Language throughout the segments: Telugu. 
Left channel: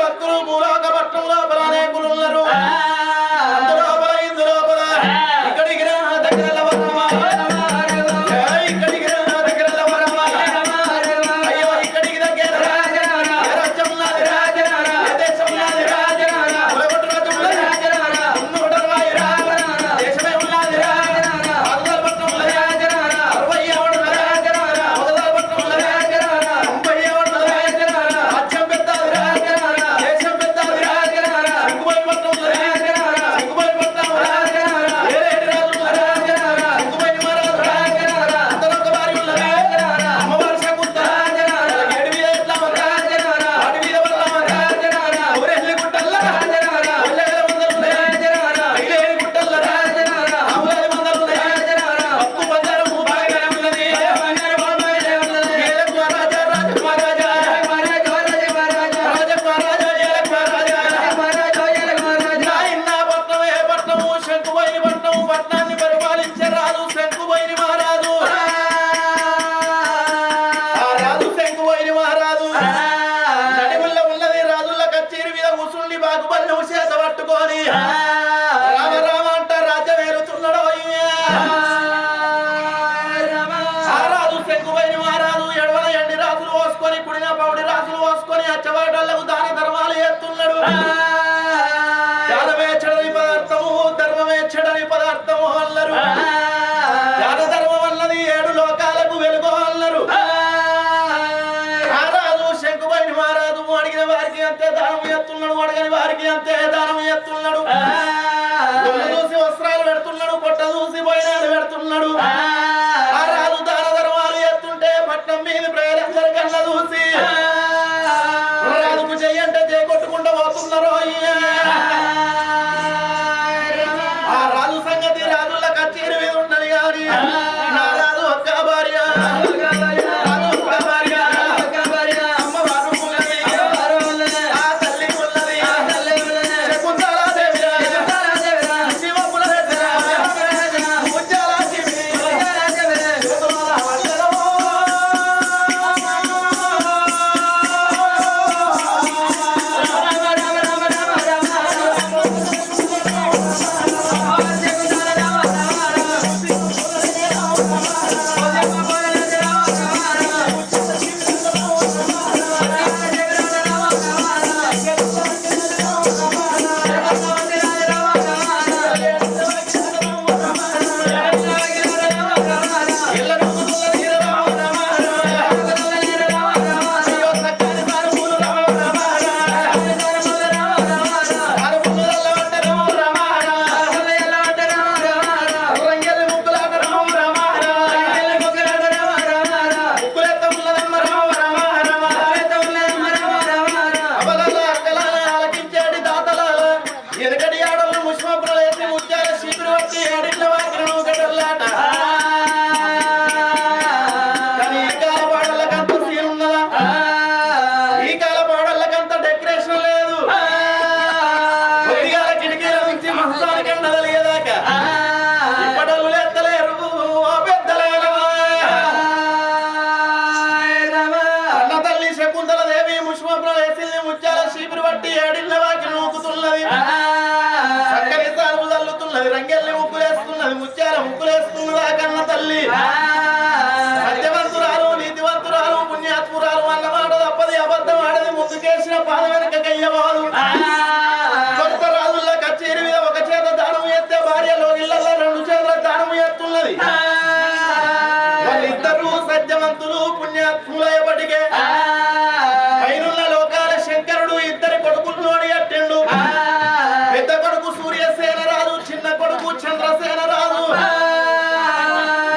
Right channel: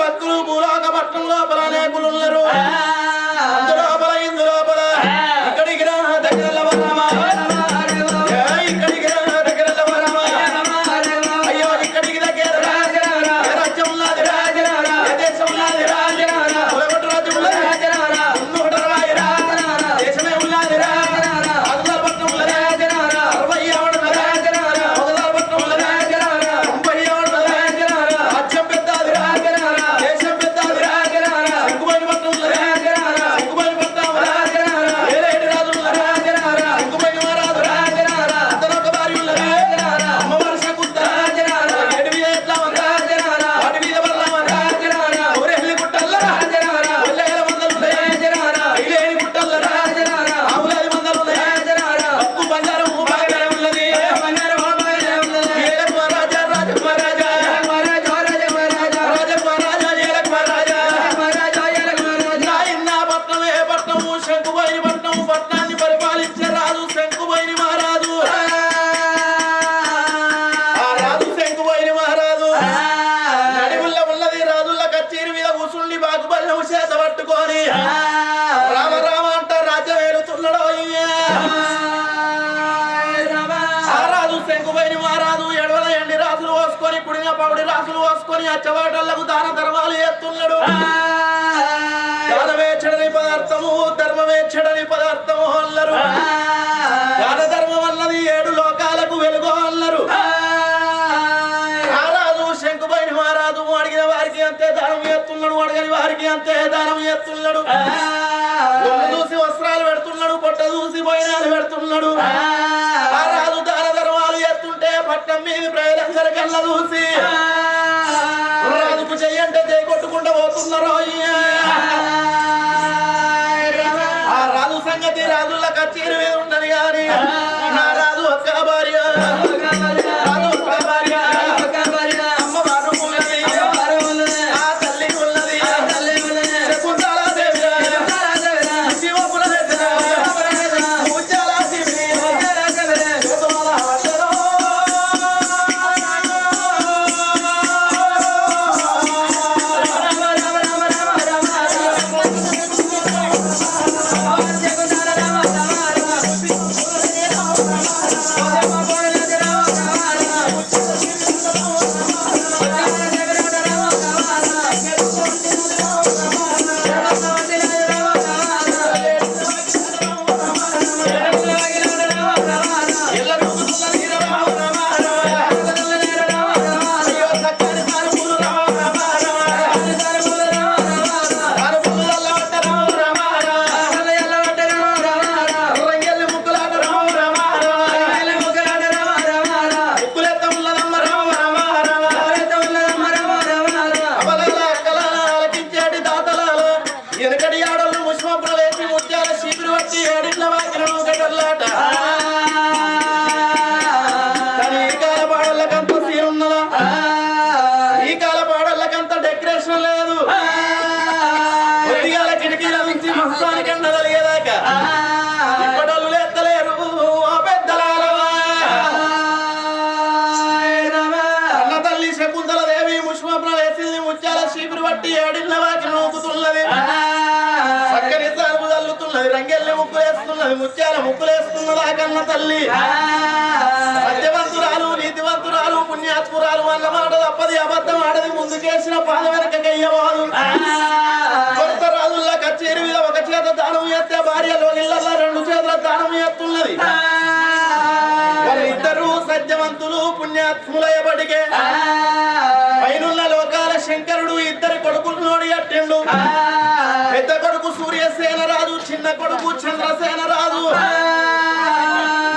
భక్తులు భూలోక పట్టణం లోపల అనేకులున్నారు. అందులో ఇందులో ఇక్కడికి రా దగ్గర ఇక్కడికి రా దగ్గర అయ్యో ఇక్కడికి దగ్గర రాజ్యం ఉన్నది దేశం ఉన్నది కులగొట్టు రాజ్యం ఉన్నది దేశమే ఉన్నది పట్టణం రామ రామ అంట రాజ్యం ఏలుతున్నాడు. ఆ రాజు శంకువైన మహారాజు ఎడవల ఎండి రాజులు పోసుకొని కుడిన పౌడి రాజులు పోసుకొని అచ్చవాటలకు దాన ధర్మాలు చేస్తున్నాడు. దానమేచ్చడని పదార్థము ధర్మమేచ్చడని పదార్థము అన్నారు. దాన ధర్మం అన్నది 7 లోకాలకు వెలుగు అన్నారు. ఆ రాజు శంకువైన మహారాజు అడిగిన వారికి అంతే దానం చేస్తున్నాడు, అడగని వారికి అంతే దానం చేస్తున్నాడు. చూసి వస్త్రాలు పెడుతున్నాడు, పొట్ట చూసి బయనాలు పెడుతున్నాడు. ఆ రాజు దాన ధర్మాలు చేస్తుంటే పట్నం మీద ప్రజలందరి కళ్ళ చూసి రాజుకు చెయ్యంటే చేకొట్టుకుంటూ పోతున్నారు. ఆ రాజు సంగతి రాజుల కచేరి మీద ఉండని గాని నా రాజు ఒక్క భార్య బట్టి ఏడిళ్ళ వాకి నూకుతున్నది చక్కని సాగు చల్లుతున్నది రంగెల్లి ముక్కులేస్తున్నది ముత్యాల ముక్కులేస్తున్నది ఆ కన్న తల్లి సత్యవంతురాలు నీతివంతురాలు పుణ్యాత్మురాలు అన్నమాట తప్పది అబద్ధం ఆడది ముందుకేసిన పాద వెనక కయ్యవాదు కొత్త రాజుల్లా కచేరి మీద ఒక చేత దానం ఎత్తే భార్యలో ఇళ్లలో రెండు చేతుల దానం ఎత్తున్నది వాళ్ళిద్దరూ సత్యవంతులు పుణ్యాత్ములయబడిగే పైనున్న లోకాల శంకరుడు ఇద్దరి కొడుకుల్లోని అట్టిండు పెద్ద కొడుకు సూర్యసేన రాజు చిన్న కొడుకు చంద్రసేన రాజు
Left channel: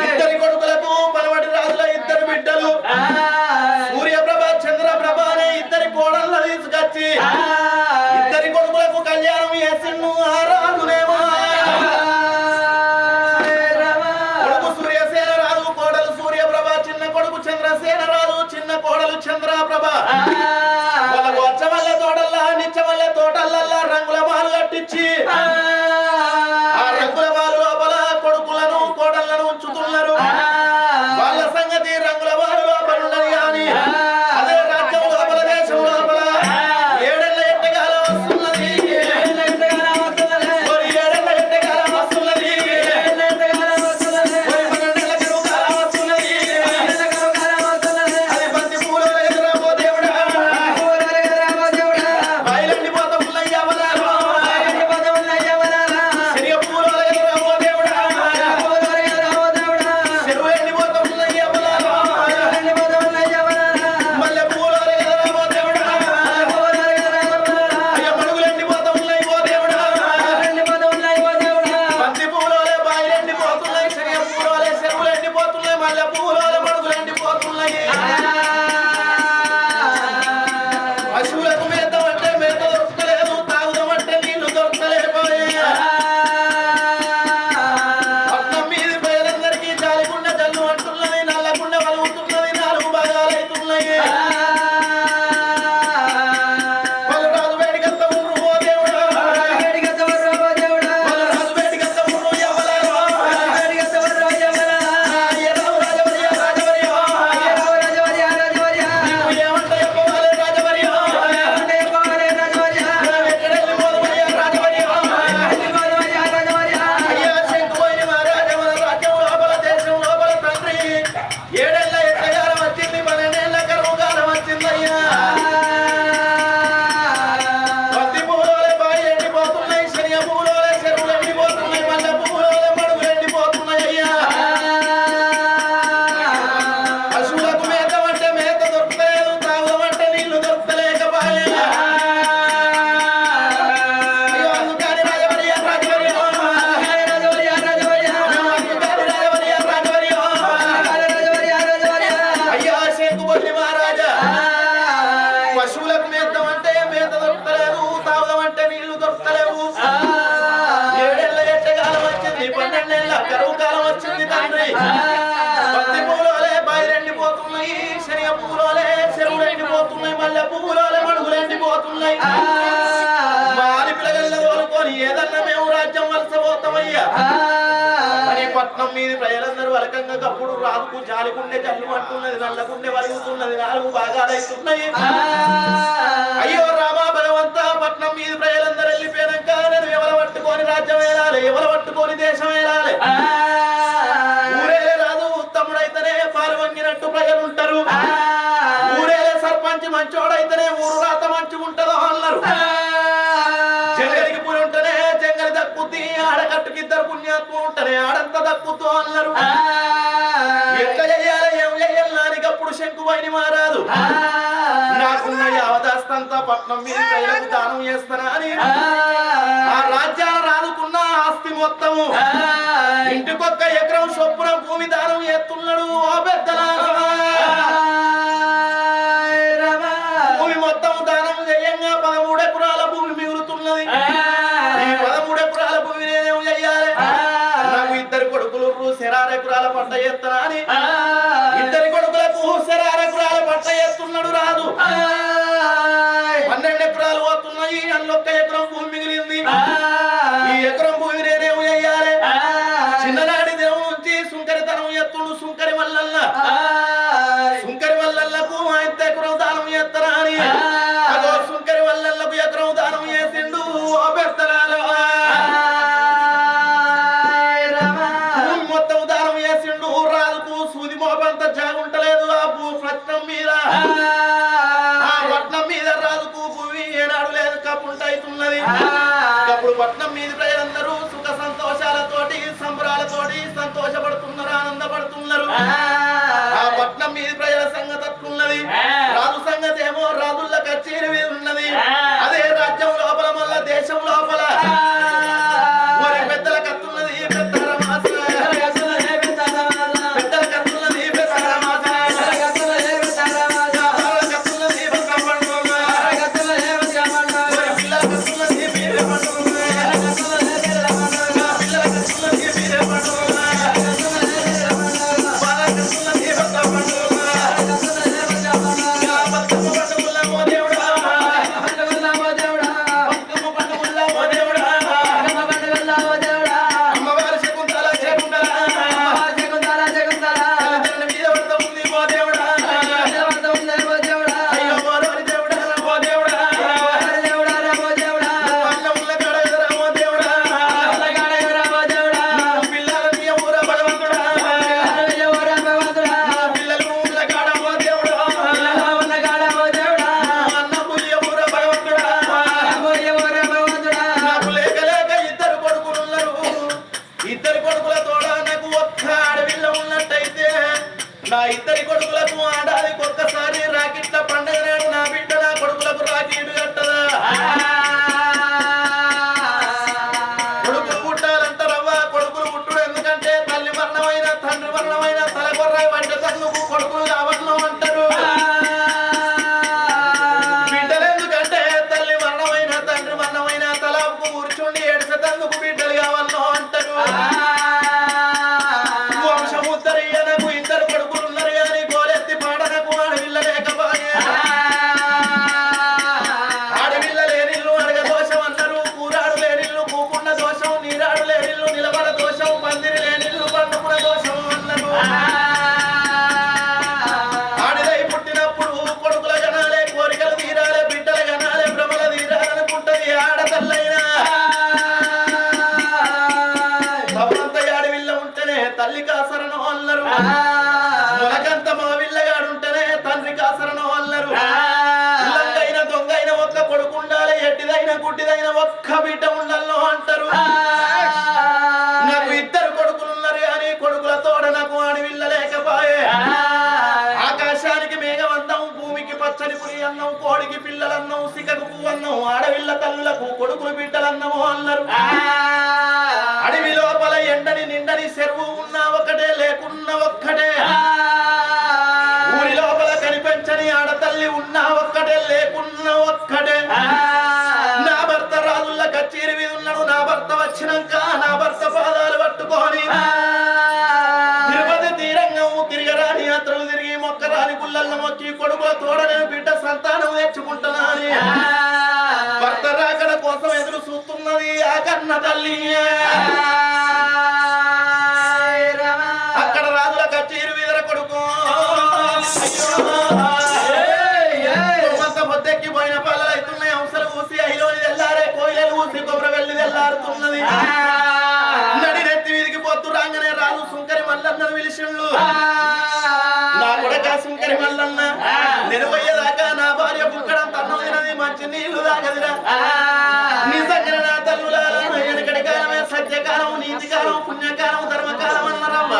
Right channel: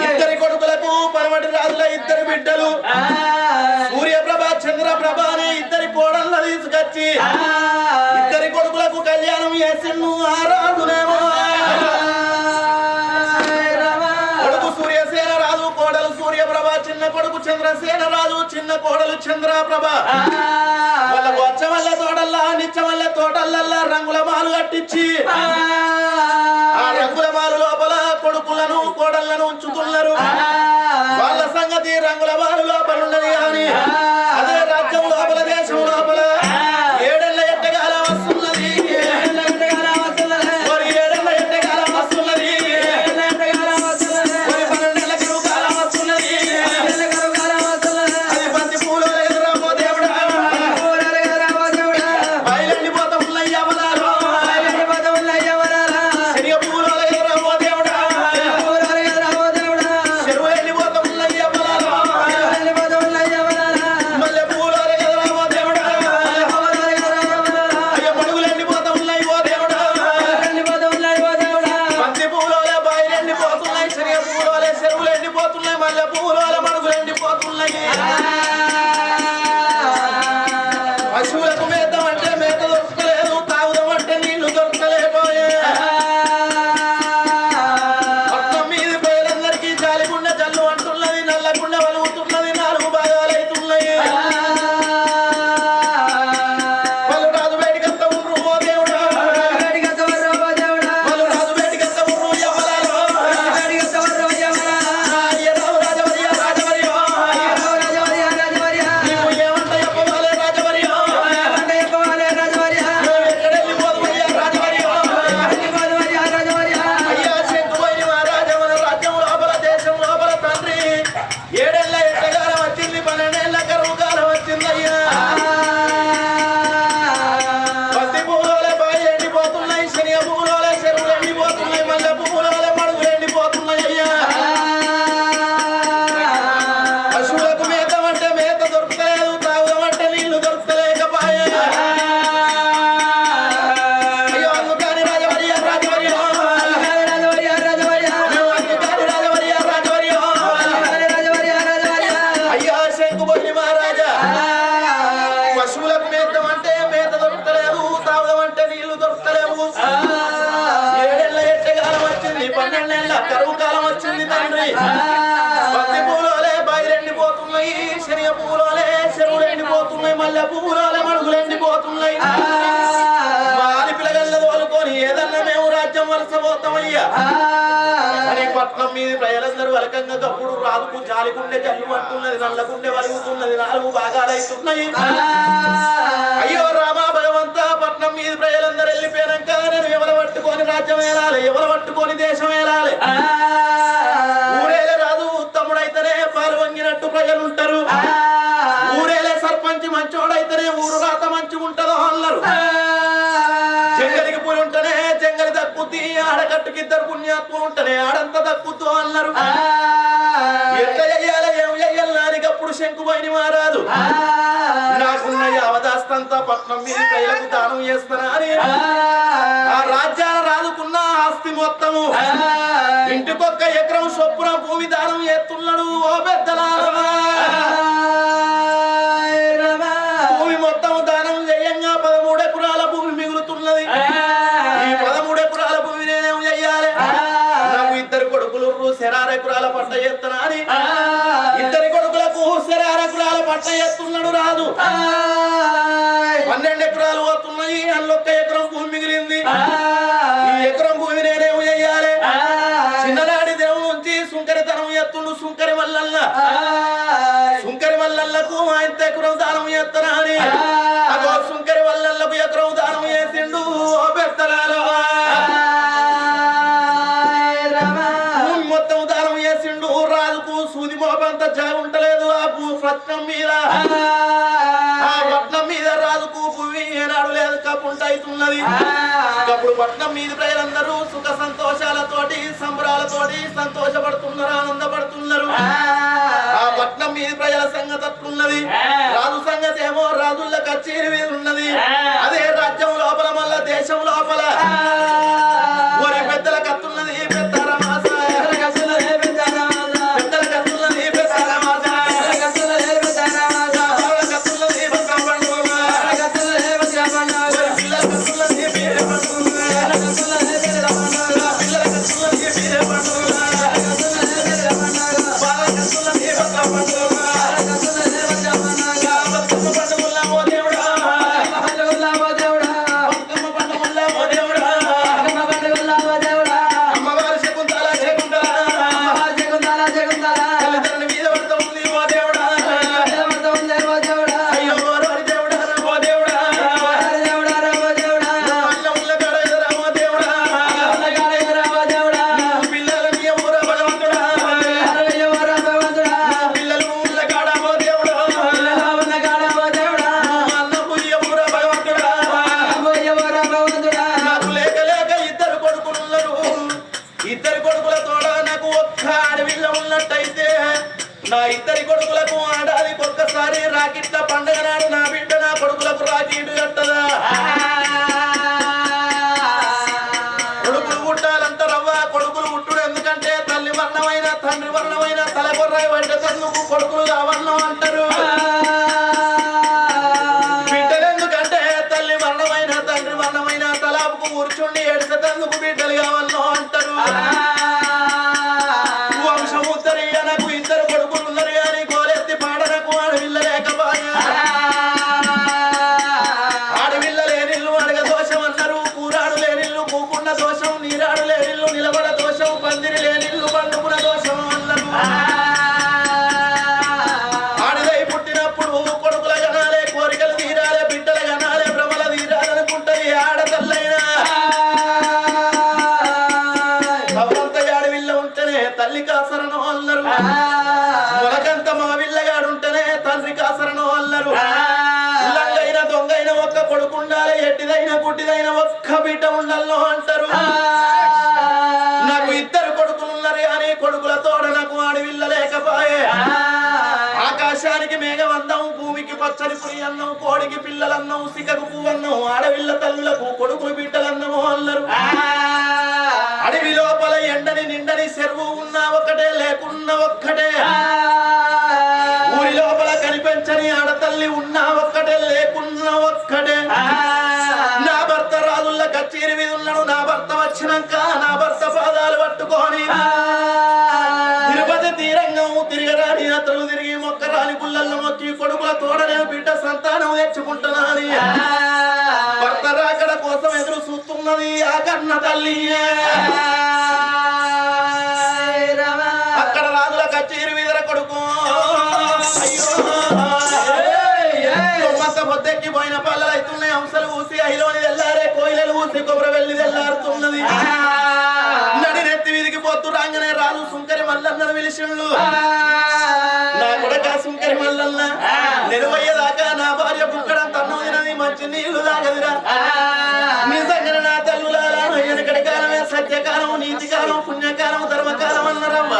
ఇద్దరి కొడుకులకు పరమటి రాజుల ఇద్దరు బిడ్డలు సూర్యప్రభ చంద్రప్రభ అనే ఇద్దరి కోడళ్ళ తీసుకొచ్చి ఇద్దరి కొడుకులకు కళ్యాణం చేసిండు ఆ రాజునేమో కొడుకు సూర్యసేన రాజు కోడలు సూర్యప్రభ చిన్న కొడుకు చంద్రసేన రాజు చిన్న కోడలు చంద్రప్రభ వాళ్ళకు వచ్చవల్ల తోటల్లా నిచ్చవల్ల తోటలల్లా రంగుల మాలు కట్టించి ఆ రంగుల మాలు లోపల కొడుకులను కోడళ్లను ఉంచుతున్నారు వాళ్ళ సంగతి రంగుల మాలు లోపల ఉండని కానీ అదే రాజ్యం లోపల దేశం లోపల ఏడెళ్ళ ఎట్టగాలం వస్తున్నది ఏడెళ్ళ ఎట్టగాలం వస్తున్నది 12 కరువు కాలం వస్తున్నది అది బంతి పూలు ఎదురాబో దేవుడా బయలండిపోతా ఉన్నయ్యవనాలు శనిగ పూలు ఎదురాబో దేవుడా చెరువు ఎండిపోతా ఉన్నయ్యవనాలు మల్లె పూలు ఎదురాబో దేవుడా అయ్య మడుగులు ఎండిపోతా ఉన్నాయి ఓ దేవుడా బంతి పూలు బాయిలు ఎండిపోతున్నాయి శనిగ పూలు చెరువులు ఎండిపోతున్నాయి మల్లె పూలు మడుగులు ఎండిపోతున్నాయి పశువులకు మేతం అంటే మేత దొరకలేదు తాగుదామంటే నీళ్లు దొరకలేకపోయే పట్నం మీది పేరందరికీ జాలిగుండ జల్లు అంటున్నది నల్లగుండ వలుగుతున్నది 4 భాగాలైతున్నాయి వాళ్ళు రాజు వేడికంత ఊరు ఓ దేవుడా వాళ్ళు రాజు వేడికంత ఊరు యమలారా అయ్యరావు రాజవర్య నీవు ఏమంట చెప్పవాలే రాజవర్య ఎక్కడెళ్ళి పోదువయ్యా రాజవర్య అయ్యా శంకుపోయిన మహారాజా మన రాజ్యం లోపల దేశం లోపల తండ్రి ఏడేళ్ల ఎట్టగాలం వచ్చింది 12 ఏళ్ల కరువు కాలం వచ్చిందయ్యా పత్తి పూలోలే బాయి ఎండిపోతున్నాయి శనిగ పూలోలే చెరువులు ఎండిపోతున్నాయి మల్లె పూలోలే మడుగులు ఎండిపోతున్నాయి అయ్యా పశువులకు మేతం అంటే మేత దొరకలేదు తాగుదామంటే నీళ్లు దొరకలేకపోయే అయ్యో అందుకని రాజవర్య అందుకని రాజవర్య అయ్యా శంకుబొల్లి మహారాజా పశువులకు మేతం అంటే మేత దొరకలేదు తాగుదామంటే నీళ్లు దొరకలేవు ఏడేళ్ల ఎట్టగాలం వచ్చింది 12 ఏళ్ల కరువు కాలం వచ్చింది తండ్రి పత్తి పూలోలే బాయిలు ఎండిపోతున్నాయి శనిగ పూలోలే చెరువులు ఎండిపోతున్నాయి మల్లె పూలోలే మడుగులు ఎండిపోతున్నాయి మాలి పిల్లగల్ల తోలుకొని ఏదన్నా మేము రాజ్యం వలసపోతామయ్యా అని పట్నం మీద ప్రజలందరూ వలకంగా కప్పుడు రాజుకు జాలిగుండె జల్లు అంటున్నది నల్లగుండె వలుగుతున్నది 4 భాగాలైతున్నాయి అయ్యో రామా భగవంత పట్నం మీద ప్రజలందరూ వెళ్ళిపోయాక నేను ఎవరు పట్టుకొని రాజ్యం వేలాలి ఎవరు పట్టుకొని దేశం వేలాలి ఊరేలే రాజు తమ్ముడైతేనే పాలు వంగినట్టు ప్రజలు ఉంటారు ఊరేలే సర్పంచ్ మంచోడైతేనే ఊరు రాత మంచిగుంటదో అన్నారు జంగలికి పూలు ఉంటేనే జంగలి దక్కుద్ది ఆడకట్టుకి 2 పుణ్యాత్మ ఉంటేనే ఆడంత దక్కుద్దు అన్నారు ఎట్లా చెయ్యాలి ఏం చెయ్యాలి నానికప్పుడు శంకుబైని మారాదు నాకున్న యావదాస్తంతా పట్నం మీద ప్రజలకు దానం చేస్తానా అని ఆ రాజ్యాల రాదుకున్న ఆస్తి మొత్తము ఇంటికొక్క ఎకరం చొప్పున భూమి దానం చేస్తున్నాడు ఓ పెద్దలా భూమి మొత్తం దానం చేయంగా 13 ఎకరాల భూమి మిగులుతున్నది ఈ 13 ఎకరాల భూమి నేనేం చెయ్యాలి నాకు 2 కొడుకులు శరార ఎకరాల పంట చేస్తానా అని 2 కొడుకులకు శరార ఎకరాల పంట చేస్తున్నాడు రాజు 12 ఎకరాలు పోతున్నాయి అందులో 1 ఎకరం భూమి మిగిలింది ఈ ఎకరం భూమి నేనేం చెయ్యాలి చిన్ననాటి దేవుడు నుంచి సుంకరితనం ఎత్తుండు సుంకరి మల్లల్లకు 1 ఎకరం దానం చేస్తానా అని అదో సుంకరి మల్లల్ల బ్రాహ్మణులకు ఎకరం దానం చేసిండు ఓ పెద్దలాలో మొత్తం దానం చేసిండు రాజుకు సూది మోపంత జాగుంటలేదు ఆ పట్నం మీద ఆ పట్నం మీద రాజుకు భూమి ఏనాడు లేదు కప్పుంట అవుతున్నది అప్పుడు పట్నం మీద ప్రజలందరూ సుఖ సంతోషాలతోటి సంబరాలతోటి సంతోషపడుతున్నారు ఆనందపడుతున్నారు ఆ పట్నం మీద ప్రజల సంగతి అట్లున్నది రాజు సంగతి ఏమో రాజుల కచేరి మీద ఉన్నది అదే రాజ్యం లోపల మళ్ళా దేశం లోపల ఒరే పెద్దల కత్తున్నది నా ఇద్దరి కొడుకులకు ఆడాదికి ఒక్కసారి రాకిట్ల పండుగ నాడు నా బిడ్డ నా కొడుకులకు రాకీడు కట్టదా కొడుకులు పుట్టాలంటారవ్వా కొడుకులు పుట్టుడు ఎందుకంటే తల్లి మరణమైన తండ్రి మరణమైన తలకొర్రాయి వంట తల్లుకు కొడుకులు కావన్నో అంటారు బిడ్డలు ఎందుకంటే తల్లి మరణమైన తండ్రి మరణమైన తలాపుకు కూర్చుండి ఏడ్చేందుకు బిడ్డలు కావన్నో అంటారు తల్లి కాసరను అల్లరు మొలకంత మగవిల్లగాడుంటేనే తండ్రి కాసరను అల్లరు లంగైన దొంగైన ఒక్క కొడుకు ఉండాలి ఎట్టిదైన గుడ్డిదైన ఒక్క బిడ్డ ఉండాలో అంటారు నాకు ఇద్దరు కొడుకులు ఉన్నారు అని కొడుకుల తోడ నాకు ఆడవిల్ల లేకపాయే ఆకాశానికి మేఘం అన్నం భూమికి పచ్చని పురి అన్నం కోడికి పిల్లలన్నం సికకు పువ్వన్నం ఆడవిల్ల తల్లులకు కొడుకులు బిడ్డలన్నము అన్నారు అడవి లోపల ఎండని నిండని చెరువు ఉన్నా ఒకటే లేకున్నా ఒక్కటే ఊరి లోపల కనిపించని ఆడతల్లి ఉన్నా ఒక్కటే లేకున్నా ఒక్కటే నా భర్త రాజుల్ల కచేరి మీద ఉన్నాడు నా భర్త వచ్చినాక నా భర్త పాదాలు పట్టుకొని తిరుపతి తీరంగం తిరగరాని యాత్రలు తిరిగి మొక్కరాని గుళ్ళల్లో మొక్కి కొడుకుల తోడనే బిడ్డ సంతానం తెచ్చుకుంటున్నా అని భర్త రాకడ కోసం ఎదురు చూస్తున్నది ఆ కన్న తల్లి అక్కడ రాజుల కచేరి వీధర కొడుకు పొద్దెక్కి పోయిన పాలలు అవుతున్నాయి అంశాలు ఊసి అహిలోని తెల్లారే కోయిలలు ఊసి కొబ్బరి వెళ్ళి తెల్లారుతున్నది నడినెత్తి వీధికి పొద్దు రాగానే రాజు సుంకరి మల్లన్నను పిలిచిండు నా కొడక సుంకరి మల్లన్న నిరువయ్యేదాకా నా భార్య బుక్కడం తన్నం తినది మంచి నీళ్లు తాగదిరా నిజంగా నా తల్లులారా వెనకటి కాలమే సత్యకాలం నీతికాలం పుణ్యకాలం ధర్మకాలం అన్నారవ్వ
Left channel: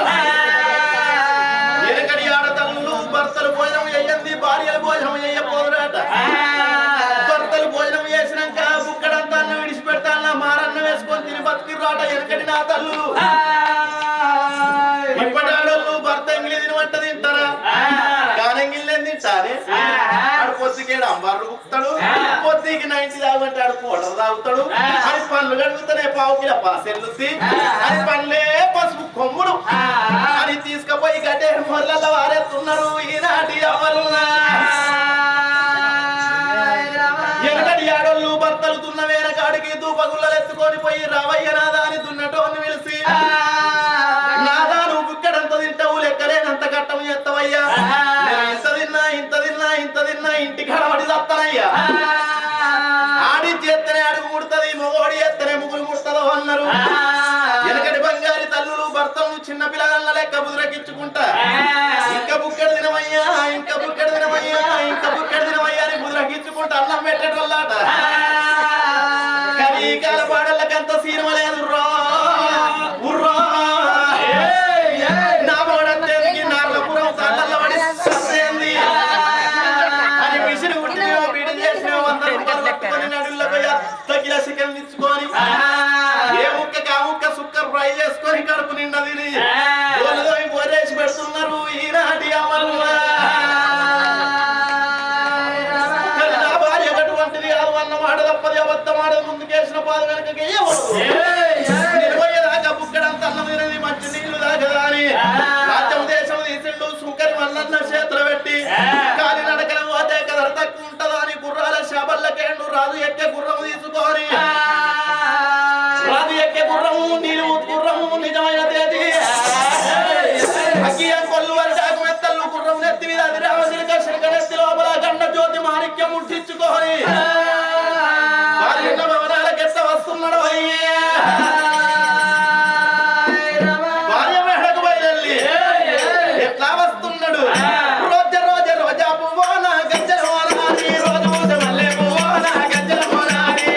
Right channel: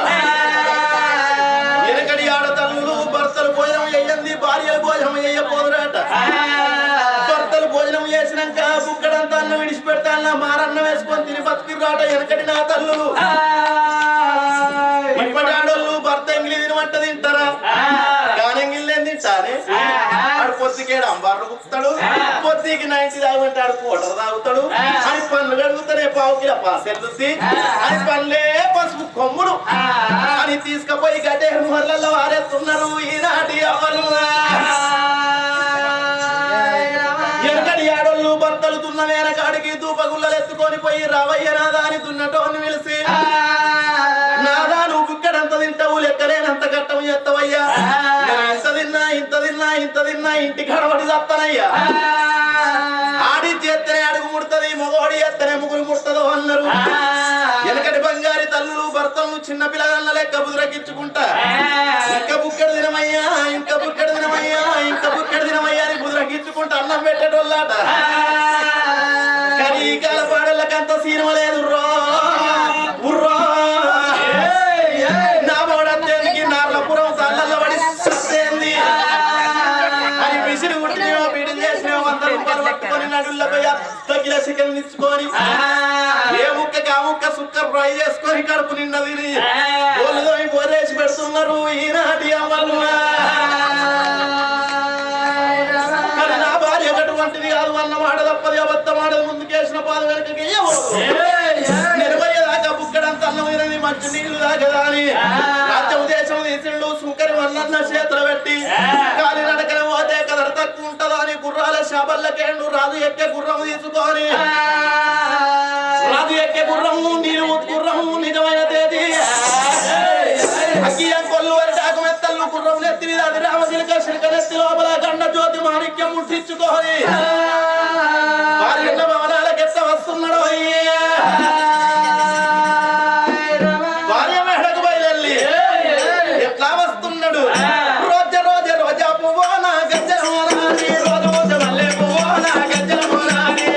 వెనకటి ఆడతల్లు భర్తలు భోజనం చెయ్యండి భార్యలు భోజనం చెయ్యపోదురాట భర్తలు భోజనం చేసినాక బుక్కడంతా అన్నం విడిచిపెడతా మారన్న వేసుకొని తిని బతికిరాట వెనకటి నా తల్లులు ఇప్పటి ఆడోళ్ళు భర్త ఎంగిలి తినమంట తింటారా కానెంగిలి తింటానే ఆడు పొద్దుకేడు అంబార్లు బుక్తాడు పొద్దుకి 90 తాగమంటే ఆడు కోటర్ తాగుతాడు అని పండ్లు కడుగుతానే పావుకిల పాసెల్లుద్ది అని పండ్లే పసుపు కొమ్ముడు అని తీసుకుపోయి గడ్డేరు మొర్లలో వారేస్తున్నారు ఈనాటి అవ్వలు వెనకటి ఆడోళ్ళు భర్తలు దున్న వేనకాడికి దూపగుళ్ళలు ఎత్తుకొని పోయి రావయ్య నాదా అని దున్నటోని పిలిచి నాదా నువ్వు బుక్కడంత తింటావు లెక్కలేనంత కట్టం చేస్తావయ్యా ఇంత తిన్నా ఇంత తిన్నా ఇంత తిన్నా ఇంటి కడబడి చస్తానయ్యా ఎత్తనే అడుగు ముడుతుంది మొగోడి ఎత్తనే ముగ్గురు ముడుతుందో అన్నారు వెనకటి బంగారి తల్లులు భర్తలు చిన్న పిల్లగాళ్ళ లెక్క బుదురకిచ్చుకుంటా ఇంకా బుక్కడి దినమయ్యా ఇంకా బుక్కడి దినమయ్యా ఇంకా బుక్కడి దినమయ్యా అని బుదురకిచ్చుకుంటా అన్నం పెట్టేటోళ్ళాట కానీ ఈ కాల పాడళ్ళకంత సినిమా లేదు ఉర్రా నా మోడీ నార్లపురం తల్లల్ల పడి సత్యింది అని విసిరి కుట్టినో బీడ చేసినో 100 రూపాయలు పట్టుకొని నడుల్లో పోయి తగిన చికెన్ ఇచ్చుకొని ఏ ముక్కకి ఆ ముక్క సుక్కర్ ఫ్రై చేసుకొని కడుపు నిండా తిని బోలుదో బోరేసి పెడుతున్నారు ఈనాటి అమ్మలు కానీ నా భార్య అటువంటిది కాదు అన్న మాట తప్పది అబద్ధం ఆడదు ముందుకేసిన పాద వెనకకి నిర్వయ్యదాకా బుక్కడంత అన్నం తినది మంచి నీళ్లు దాకదా అని రాజ్యం దేశం తీసిండు సుంకరి వల్లన్న చేతులు పెట్టి కాలి నడకల పోతే కదర తక్కువ ఉంటదా అని గుర్రాల శాబల్లకేండు రాజు ఎక్కే గుర్రం తీసుకొని రాజు ఎక్కే గుర్రము నీరు గుర్రము నిజమైన తేదీ అగ్గియ కొల్లు వారి డాకు మెత్తల్లు గుర్రం నెత్తి మీద అది రామశిలిక శిల్కనెత్తి లోపల గండ జ్యోతి మాణిక్యం ముట్టించుకొని వారి ఉన్న భవనాలకెత్త వస్తున్నాడు భార్య మేడకు బయలుదేరి ఎట్లా వస్తున్నాడు రోజ రోజ రోజా పువ్వో నా గజ్జల మోనాని రోజు రోజు మల్లె పువ్వో నా గజ్జల మోనాని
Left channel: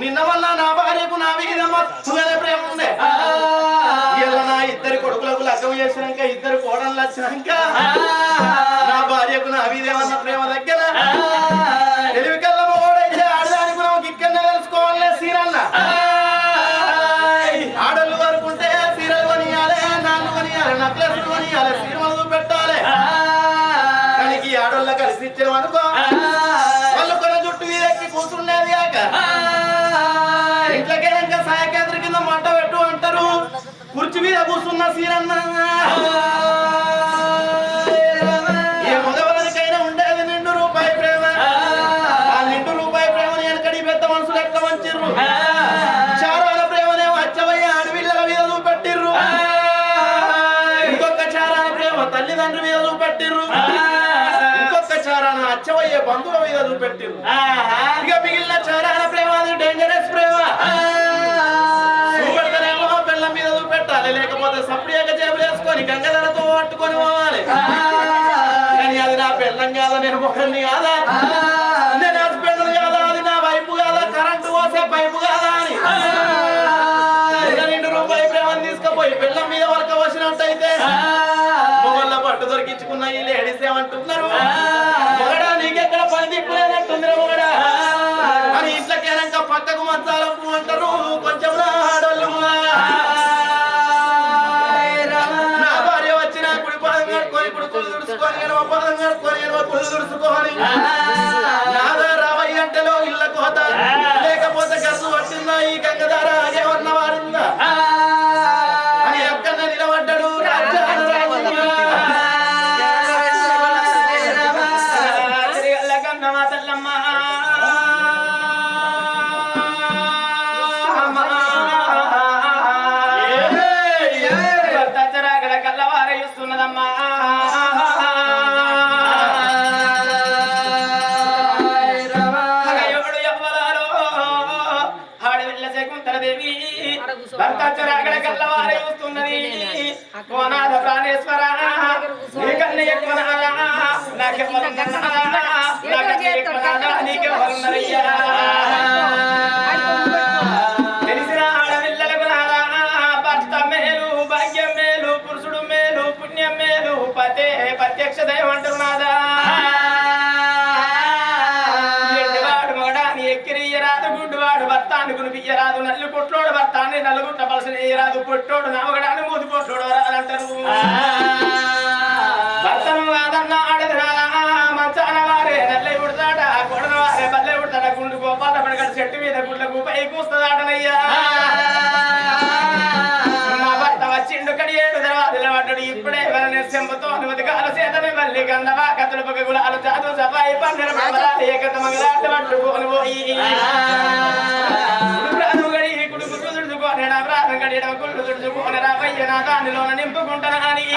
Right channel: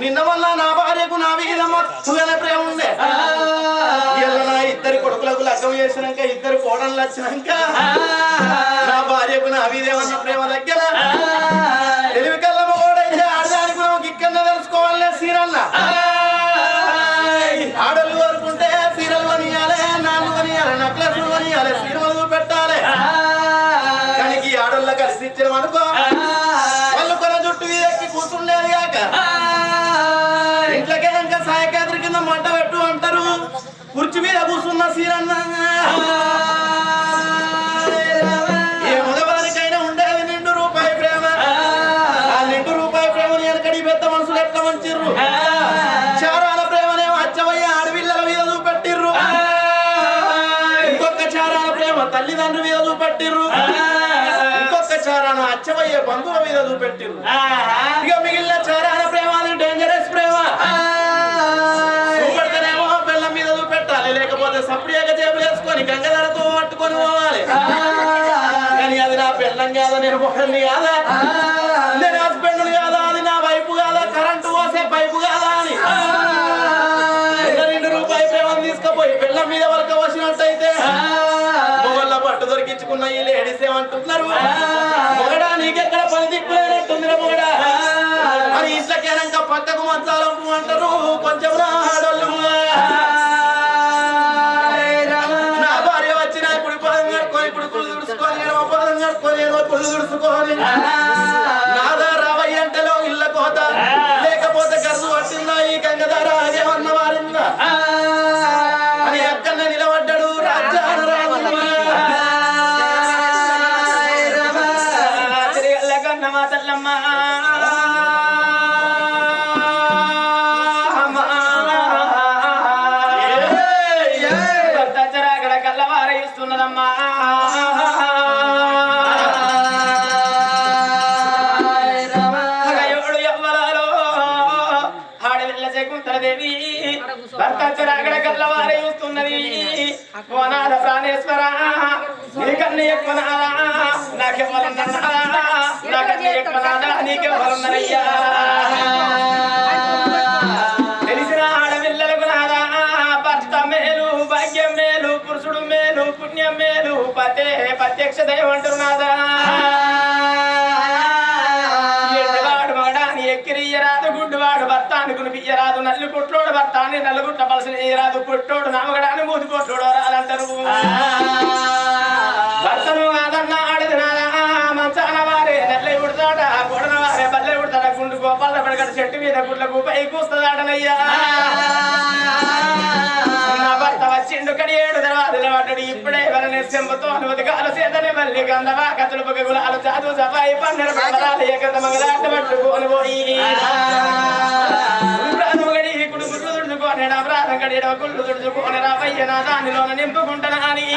నిన్న వల్ల నా భార్యకు నా మీద మత్తుగానే ప్రేమ ఉండే ఇలా నా ఇద్దరి కొడుకులకు లగ్గం చేసినాక ఇద్దరు కోడళ్ళు వచ్చినాక నా భార్యకు నా మీదేమన్న ప్రేమ దగ్గర తెలివి కళ్ళ మోడైతే ఆడదానికి నాకు ఇక్కడనే తెలుసుకోవాలే సీరన్న ఆడళ్ళు వరకుంటే సీరలు కొనియాలి నాళ్ళు కొనియాలి నెక్లెస్లు కొనియాలి సీరలు పెట్టాలి కానీ ఈ ఆడళ్ళ కలిసి ఇచ్చిన అనుకో వాళ్ళు కొన జుట్టు మీద ఎక్కి కూర్చుండేది కాక ఇంట్లోకేనాక సాయకేంద్ర కింద మంట పెట్టు అంటారు కుర్చీ మీద కూర్చున్న సీరన్న ఏ మగవారికైనా ఉండేది ₹2 ప్రేమ ఆ ₹2 ప్రేమని వెనకడి పెద్ద మనుషులు ఎట్లా మంచిర్రు చారాల ప్రేమనేమో అచ్చవయ్య ఆడపిల్లల మీద చూపెట్టిర్రు ఇంకొక చారాల ప్రేమ తల్లిదండ్రుల మీద చూపెట్టిర్రు ఇంకొక చారాన అచ్చవయ్య బంధువుల మీద చూపెట్టిర్రు ఇక మిగిలిన చారాన ప్రేమ అది డేంజరస్ ప్రేమ చూపెడతానేమో పిల్లల మీద చూపెట్టాలి లేకపోతే సప్రియాగా జేబులు వేసుకొని గంగధరతో పట్టుకొని పోవాలి కానీ అది నా పెళ్ళం కాదా నేను మొహన్ని కాదా నేను హస్బెండ్ కాదా అది నా వైపు కాదా కరెంటు పోసే పైపు కాదా అని ₹2 ప్రేమను తీసుకుపోయి పిల్ల మీద వరక వచ్చినట్టయితే మొగళ్ళ పట్టు దొరికించుకున్న ఈ లేడీస్ ఏమంటున్నారు మొగడా నీకెక్కడ పని దిక్కులేనట్టుందిరా మొగడా అని ఇంట్లోకేనాక పక్కకు మంచాలంపు అంటారు కొంచెం ఆడోళ్ళు నా భార్య వచ్చి నా కుడి పాదం కడుకొని కుడుకులు దుడుచుకొని ఎడమ పాదం కడుకొని ఎడమ కుళ్ళు దుడుచుకొని నాదా రావయ్య అంటేలో ఇళ్ళ కోత లేకపోతే గర్సు పట్టిందా ఈ గంగధార ఆగేమన్న వారిందా అని ఎక్కడ నిలబడ్డాడు రాజ్యాన రాజు ఉన్నదమ్మా భర్త చరాగడ కళ్ళవారయిస్తున్నదమ్మా దేవి భర్త చరాగడ కళ్ళవారై వస్తున్నది కోనాద ప్రాణేశ్వర నీకన్నా ఎక్కువ నాదా నాకెవ్వరున్నారా నాకన్నా ఎక్కువ నాదా నీకెవ్వరున్నారయ్యా తెలిసిన ఆడపిల్లలకు నాదా భర్త మేలు భాగ్యం మేలు పురుషుడు మేలు పుణ్యం మేలు పతే ప్రత్యక్ష దైవం అంటారు నాదా ఎక్కిరియరాదు గుడ్డువాడు భర్తాన్ని కునిపియ్యరాదు నల్లు కొట్లోడు భర్తాన్ని నల్లుగుట్ట పలసరాదు పొట్టోడు నామగడాన్ని మూతి కొట్లోడు రాదంటారు భర్తను కాదన్నా ఆడది నాదా మంచాన వారే నెల్లై ఉడతాడ గొడన వారే బల్లె ఉడతాడ గుండు గోపాల పడగడ చెట్టు మీద గుడ్లకు పై కూస్తాడనయ్యా నా భర్త వచ్చిండు కడియేడు దర్వాజల పడ్డాడు ఇప్పుడే వలనే చెంబతో అనుమతికాలు చేతని మళ్ళీ గంధవా కథలు పగగులాలు చాదు సఫాయి పన్నెర మంగళాలు ఏకంత మంగళాట పట్టుకొని పోయి గడి కుడుకు తుడుచుకొని ప్రాణం గడి కుళ్ళు తుడుచుకొని రావయ్య నా దానిలోన నింపుకుంటాను అని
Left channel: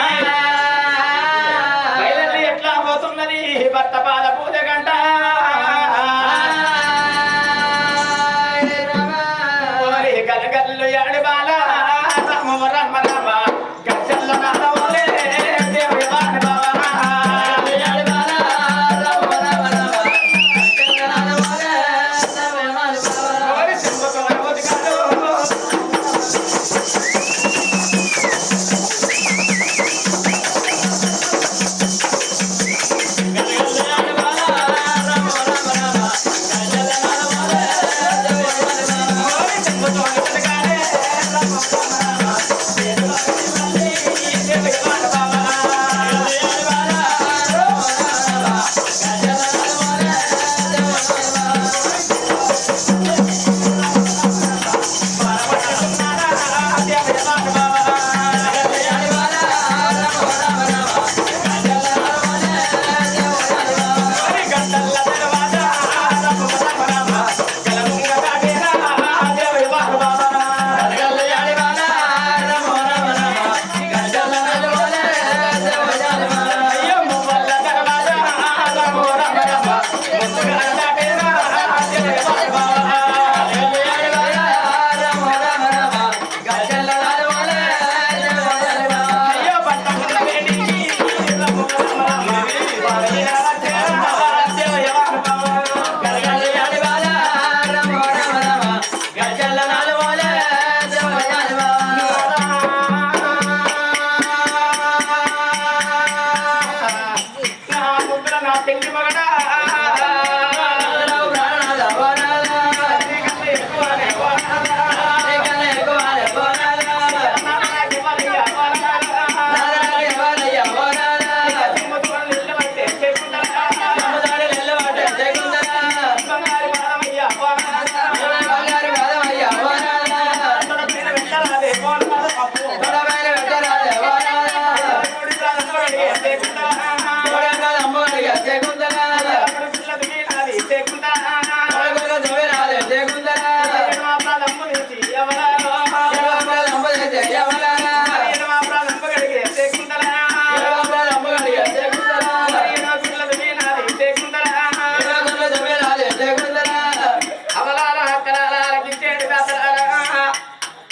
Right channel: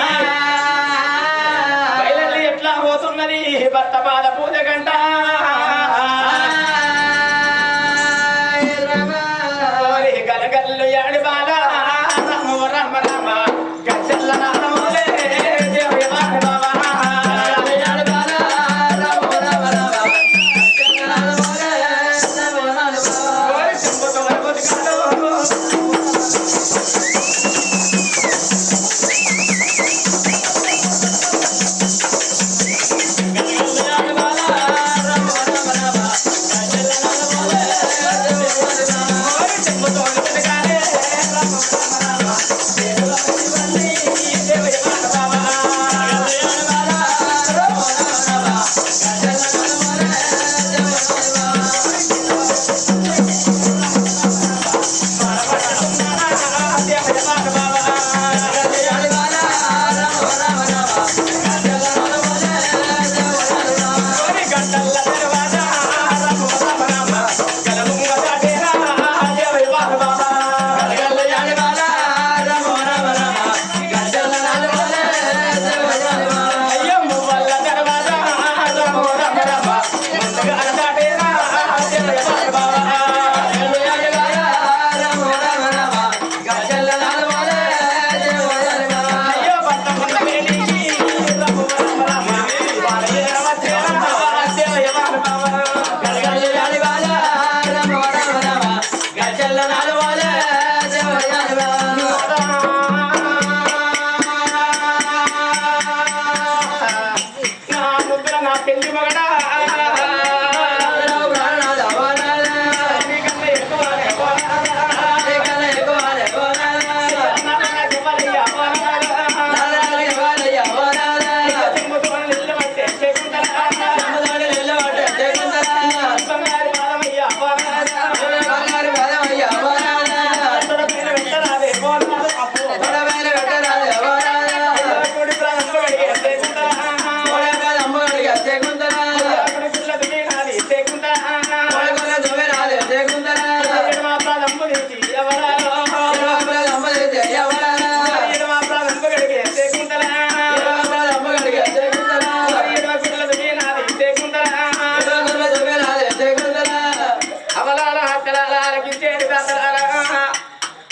బయలల్లి ఎట్లా పోతున్నది భర్త పాద పూజ గంట గలగల్లు యాడి బాల రామ రామ రామ గచ్చల్ల నాదమోలే దేవి వాడి బాబా యాడి బాల రామ రామ రామ గచ్చల్ల నాదమోలే దేవి వాడి బాబా ఓరి చెంబతో గణపతిగాడు గలగల్లు యాడి బాల రామ రామ రామ గచ్చల్ల నాదమోలే దేవి వాడి బాబా ఓరి చెంబతో గణపతిగాడే రామ రామ రామ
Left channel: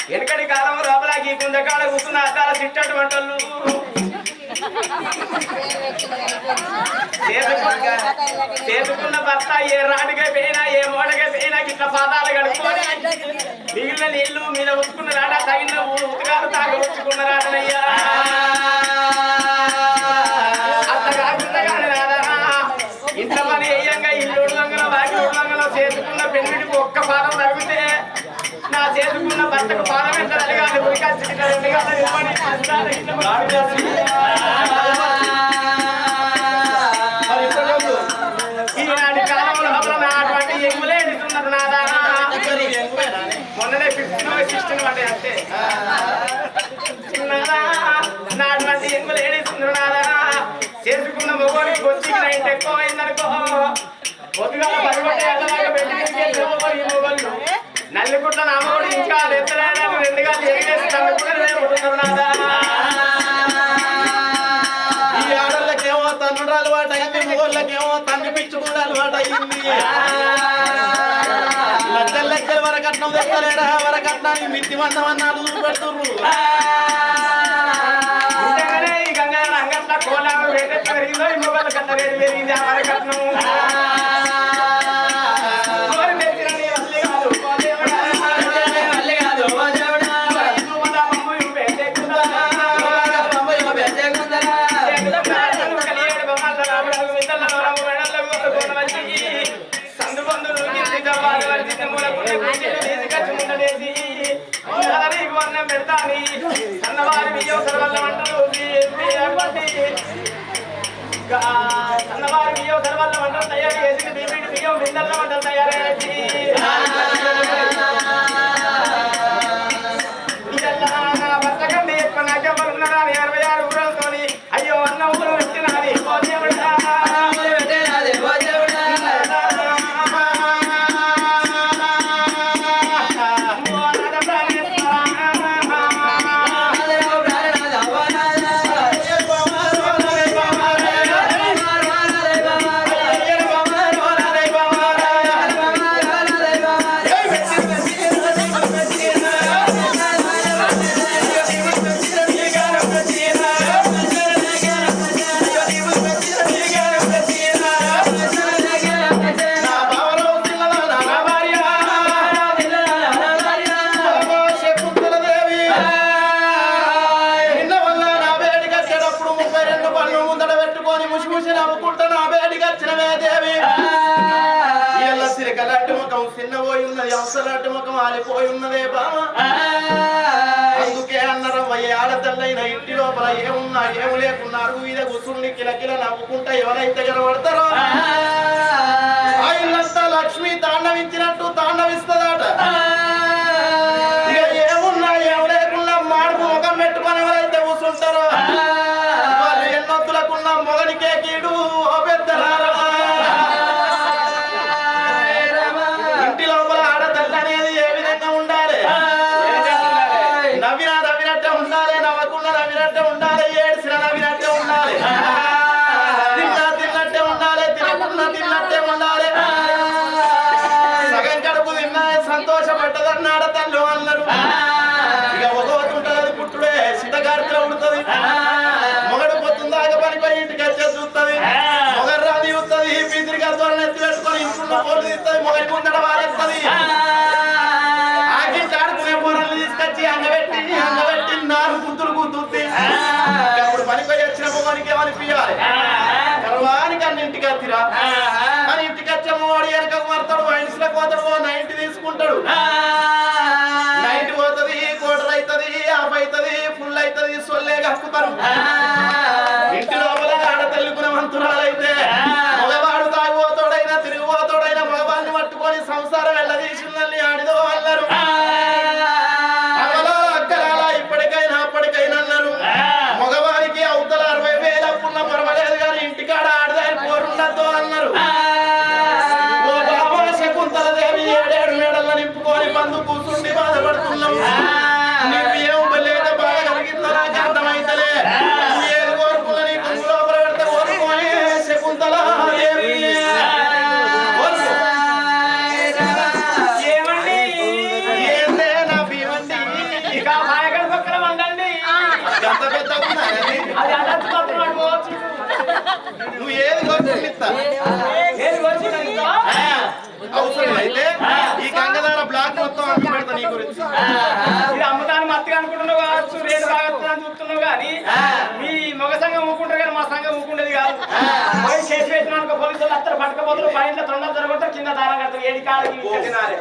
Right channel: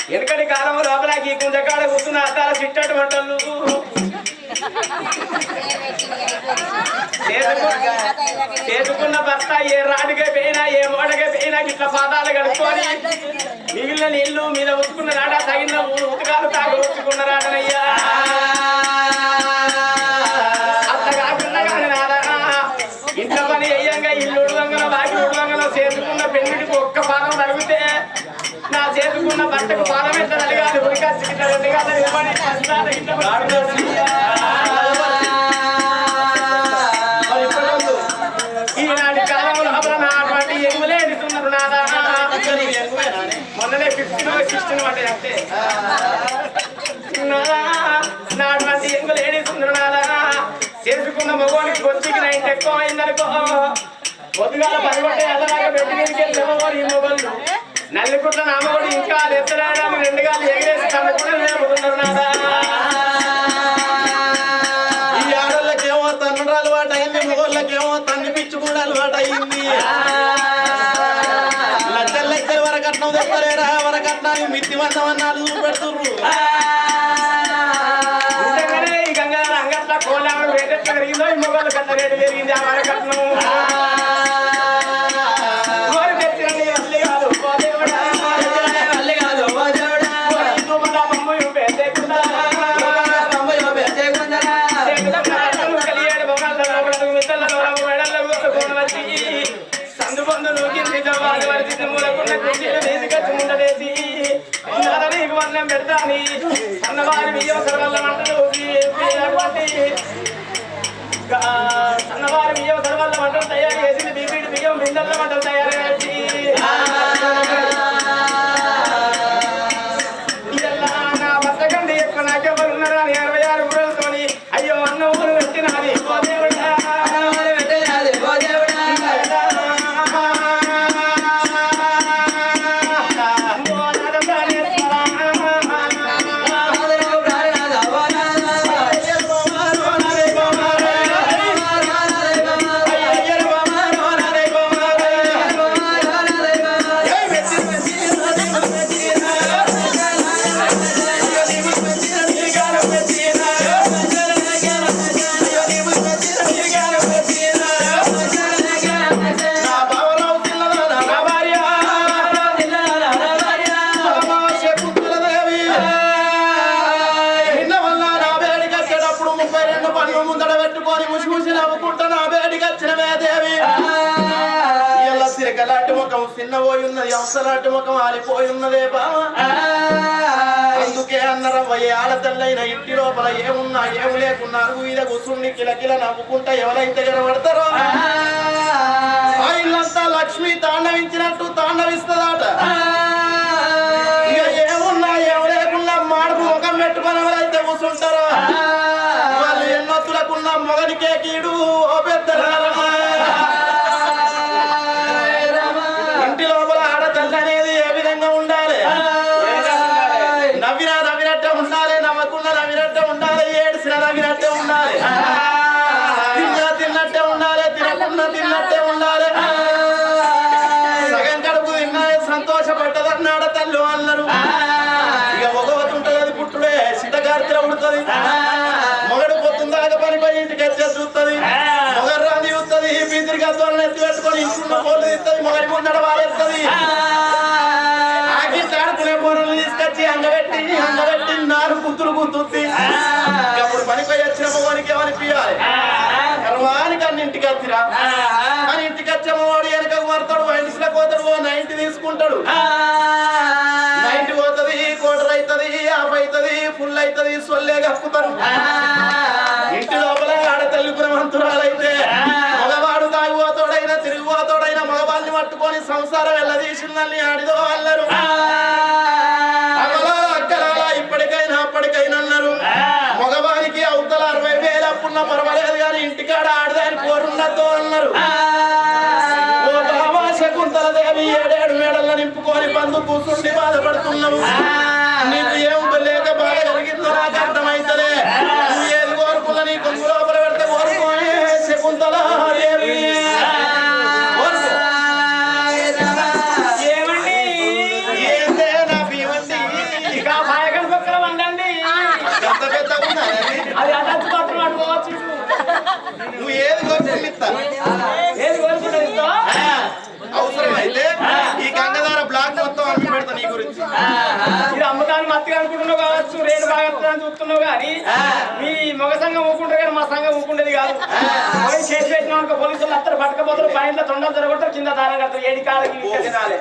వెనకటి కాలం లోపలకి కుంజకాడ కూర్చున్న అద్దాల చిట్టటి వంటలు చేసుకున్న భర్త ఏ రాడిగా పోయినా ఏ మోడగా పోయినా ఇట్లా పాదాలు కడుక్కొని మిగిలిన నీళ్లు మీద ఉచ్చుకున్న రాట తగిన ఉతకాలు తాగ ఉచ్చుకున్న రాటనయ్యా అట్లా కాకుండా కానీ రాదా ఇంట్లో పని అయ్యంగా ఇల్లు ఉడవంగలో వాకి ఉడవంగలో చేసుకున్న పెన్నిటికి ఒక్క పాదం తగితే నా చేసుకున్న భర్తకు పాదం ఎంత అడిగాలి ఉరికాల్సి రెండు గంటలు ఇవ్వని ఈనాటి కాలంలో అటువంటి ఎంగులే ఎదుగుతున్నారు నాదా మొన్ననే 15 16 పడ్డాయి అంతే నాదా నా అటువంటి ఎంగులు ఏడుస్తున్నారు నాదా చేసుకున్న మగవానికి బొచ్చికి నైట్ ఎక్కువ అయిందనుకో పొద్దుగాల పరిపట్టే ఎదలాగా పెట్టి ఈ మొగళ్ళు నల్లిపుట్ల నామగుడు ఇంకా ఎత్తడానికి 2 గాలు ఎగిరేసి తన కూడా లేపుతున్నారు నాదా. ఈ ఆడళ్ళకేమో తన్నుడు అలవాటు అయింది, మొగోళ్ళకేమో తన్ను పిచ్చుకుడు అలవాటు అయింది. లక్షల లక్షల వరకట్నం తెస్తలేరా, వరకట్నానికి మిత్తి మందం అన్నాడు చూపెడుతుర్రు. నిజంగానే ఈ గంగా అంగట్ల కోలామ రేట్ ఎట్లా పెరిగిందో ఈ మొగళ్ళ కట్ల రేటు పెరిగింది. ఆ వరకట్నం పెడతాని సన్నవారి బియ్యం సర్వల్ల మంటలు సన్నవారి బియ్యం సర్వల్ల మంటలు తయారు చేసి బీపీడి బియ్యం బిందెల్ల మంటలు తయారు చేసి నా భర్త కంటే ఎక్కువ నాకెవరు ఉన్నారా 66 ఊరలతోని అయ్యో అన్న ఊరు పెట్టినాది ఓ దేవుడా సిరకలాంటి ముఖం చిన్నపోయి ఉన్నది, అవసలాంటి ముఖం ఆలిపోయి ఉన్నదే బామ. అందుకే అన్నరవ్వ ఏ ఆడతల్లైన ఇంటి లోపల ఏమున్నా ఏమి లేకున్నా అరుగు మీద కూర్చుని కిలకిల నవ్వుకుంటా ఎవరైతే కనబడతారో ఆ ఇల్లంతా లక్ష్మి తాండవించినట్టు తాండవిస్తుందట. ఇక ఏమున్నా ఏమి లేకున్నా మాడుకు ముఖం పెట్టుకొని ఎవరైతే కూర్చుంటారో వాళ్ళు ఎన్నొత్తులకున్న మొగనికే కీడు ఓ పెద్ద ఇంటి లోపల ఆడతల్లి అనేది ఏ విధంగా ఉండాలి? నవ్వినా నవ్వినట్టే ఉండాలి, నవ్వకుండా నవ్వినట్టే ఉండాలి, ఏడ్చిన నవ్వినట్టే ఉండాలి, తిన్నట్టే ఉండాలి, తినకుండా తిన్నట్టే ఉండాలి. సగం కడుపు తిన్నా సంతోషపడ్డదన్న ఆడతల్లు అన్నారు. ఇక ఒకవతి ఉంటుంది, అది పుట్టుడే సిద్ధగారిలో ఉడుతుంది. మొగడు పొద్దుందాకా పనిపోయి ఇంటికి వచ్చే చూస్తుంది, మొగరు రాని చూస్తుంది, బీదిరి గద్వాలను ఎత్తి పెట్టుకొని ఇంట్లో పోలు తీస్తుంది, మొగలి ముందడ వారేస్తుంది. ఆకింటి ఆడుకునే పోరల్ని తీసుకొచ్చి అంగబెట్టి 4 గుద్దులు గుద్దుద్ది. అప్పుడు పనిపోయి వచ్చిన మొగానికి ఏమనిపించాలి? గర్వానికి అన్నింటికి వచ్చిరా అని ఇంటికి వచ్చే మొగాడు వెనక మారుతాడు, వైన్స్లో పోతాడు, 90 తీసుకుంటాడు. 90 పోతుంది, కోటర్ అవుతుంది, ఆఫ్ అవుతుంది, ఫుల్ అవుతుంది, సొల్లే కక్కుతారు. ఇంటి లోపల ఆడతల్లి గుణవంతురాలైతే మగవాడు తాగిపోతాడైనా తిరిగిపోతాడైనా మగవాళ్ళని పట్టుకొని సంసారం వెళ్ళదీసిందని ఆడిదో అన్నారు. అక్కలాల ఇప్పటికైనా అప్పటికైనా అన్నారు. మగవానికి అవతల 60,000 అప్పున్న పర్వాలేదు కానీ ఇంటికాడ ఆడదాని పోరుండద్దు అన్నారు. ఓ బాబా శకుంతలదేవి 7 మేడల్లో నింపుకొని బంధు కూర్చుండి బాధపడుతున్నావు. నీకు ఏం లేక బాధ కలిగిందో నాకు అర్థమైతలే. నువ్వు ఏది కోరుకున్నా నీ కొంగు లోపల పెడితే కోరుకోని శకుంతలాదేవి ఏమండి ఏందే నా భీమండి ఇక మాయగడ పక్కన వండండి. గంత పెద్ద అది అదచ్చు పట్టుకున్నాడు పోవచ్చు. నువ్వు ఏది కోరుకునిస్తా, ఏది కోరుకుంటుంది అవసరం అయితే ఈ గంగధార బ్లాక్ మొత్తం అమ్మి పెడతా నీ గురించి. ఇది అమ్మటాన్ని మత్తిగా అనుకుంటున్నావు కావచ్చు, రేటు బాగా వస్తుందని చూస్తున్నావు కానీ మీ మగ సంఘం ఊకుంటారు కానీ మా సంఘం ఊకుండేది కాదు. పోయి చేసి పెట్టిన పోలీసులు అత్తరు పట్టుకపోతారు, పైన తొండలు జరగొట్టారు, కింద దారం కడతారు, 7 కాళ్ళకి తినాలి.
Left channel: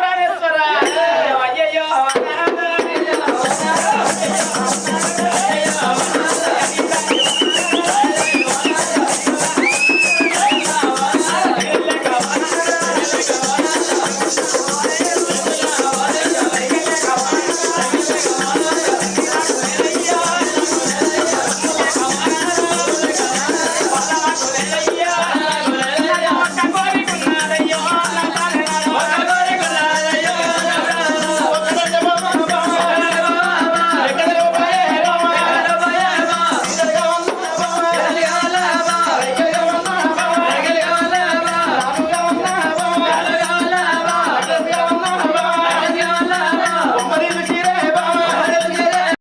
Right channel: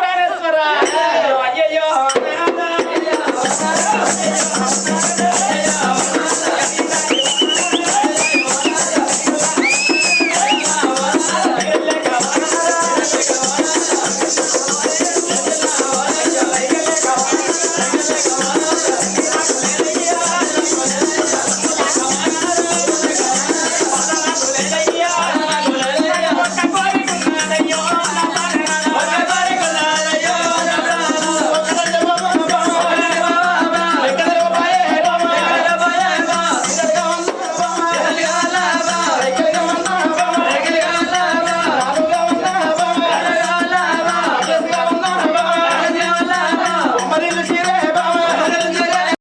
ప్రాణేశ్వర అయ్యయ్యో